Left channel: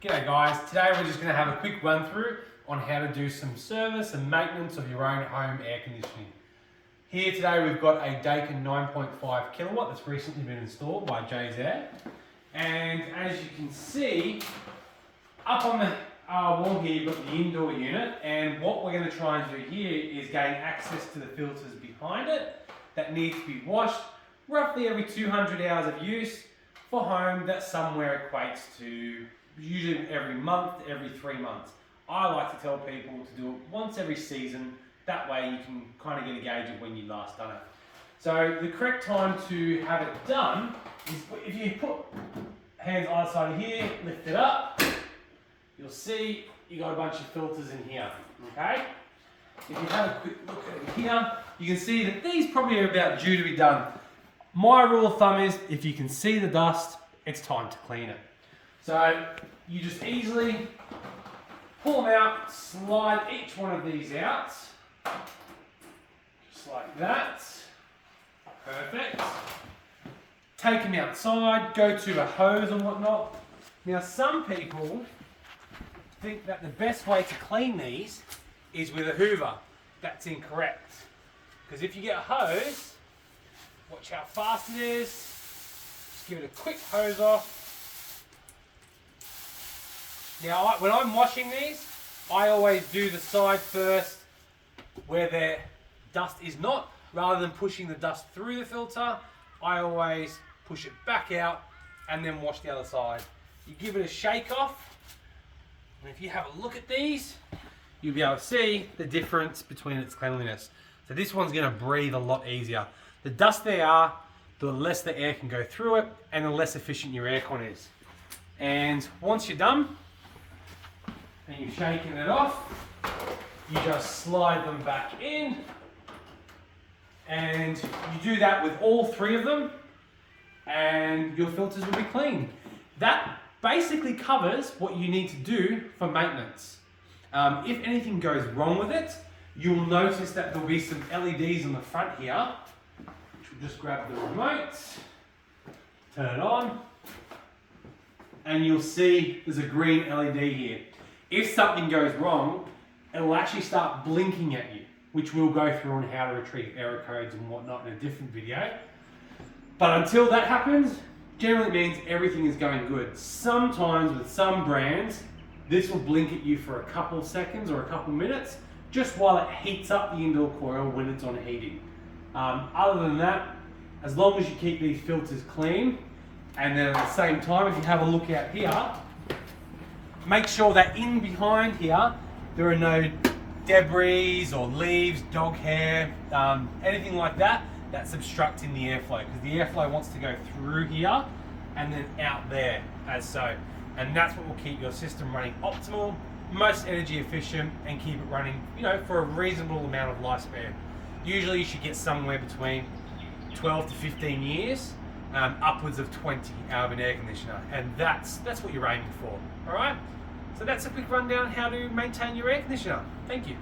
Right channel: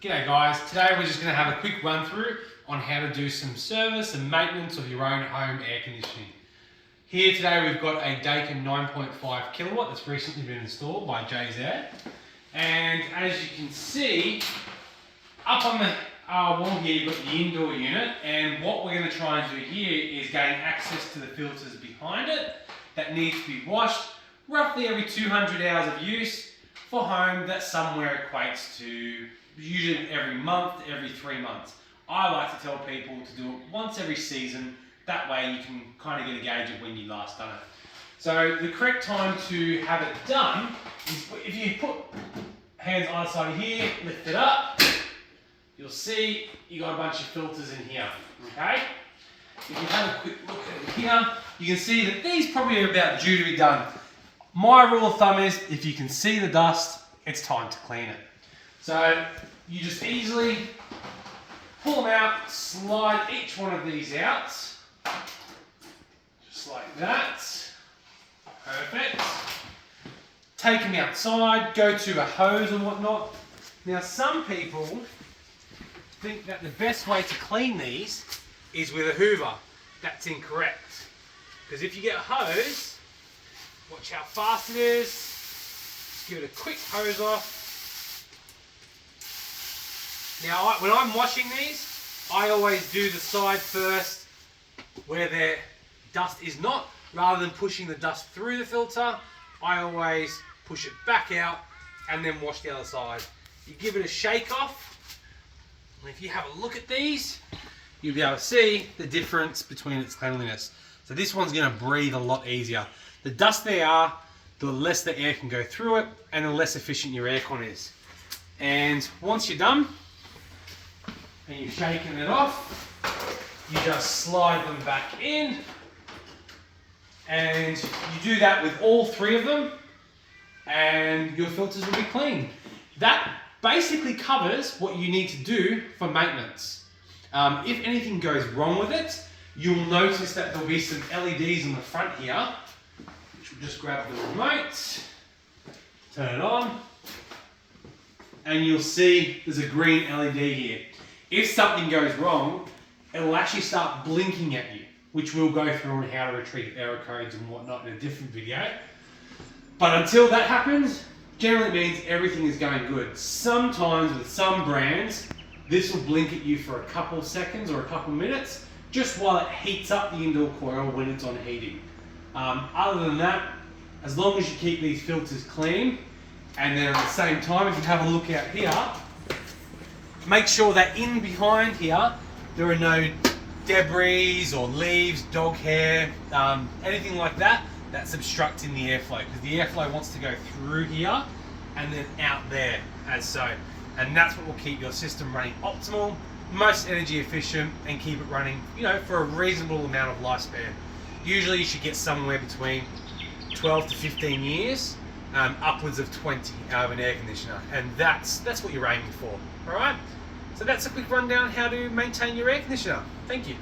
G'day guys, today we're just going to have a quick run through on how to do some service and maintenance of your own home air conditioning. Here today we've got a Daikin 9.5 kilowatt that's recently been installed by Jay's Air. And as you can see, up on the wall here you've got the indoor unit, and what we're going to try and do here is gain access to the filters behind it that need to be washed roughly every 200 hours of use. For home, that somewhere equates to usually every month, every 3 months. I like to tell people to do it once every season. That way you can kind of get a gauge of when you last done it. So the correct time to have it done is if you put hands either side of here, lift it up, you'll see you got a bunch of filters in here, okay? If you have a quick look at it here, you can see that these probably are about due to be done. My rule of thumb is if you can see the dust, it's time to clean it. So you just easily pull them out, slide each one of these out, just like that. Perfect. Take them outside, go to a hose and whatnot. Now some people think that the best way to clean these is with a hoover. That's incorrect. Because if you get a hose, watch how fast it is. Just give it a quick hose off. Now, when I'm washing these, I always do the side first where the dust is not. Rather than pushing the dust through the filter, I always push it back out and then wash the other side. You give it a shake off, and if you have a look at these, you'll be able to see the difference between its cleanliness. So this one's going to breathe a lot easier. The dust they are, the less the air can go through it and the less efficient your aircon is. And once you're done and you've shaken it off, you just slide them back in, and you do that with all three of them and your filters will be clean. That basically covers what you need to do for maintenance. If anything goes wrong with it, you'll notice that there'll be some LEDs on the front here. We'll just grab the remote, turn it on, and you'll see there's a green LED here. If something goes wrong, it'll actually start blinking at you, which we'll go through on how to retrieve error codes and whatnot in a different video. But until that happens, generally means everything is going good. Sometimes with some brands, this will blink at you for a couple of seconds or a couple of minutes, just while it heats up the indoor coil when it's on heating. Other than that, as long as you keep these filters clean, and then at the same time, if you have a look out here, make sure that in behind here, there are no debris or leaves, dog hair, anything like that, that's obstructing the airflow, because the airflow wants to go through here and then out there, as so. And that's what will keep your system running optimal, most energy efficient, and keep it running, for a reasonable amount of lifespan. Usually you should get somewhere between 12 to 15 years, upwards of 20 out of an air conditioner, and that's what you're aiming for. All right. So that's a quick rundown how to maintain your air conditioner. Thank you.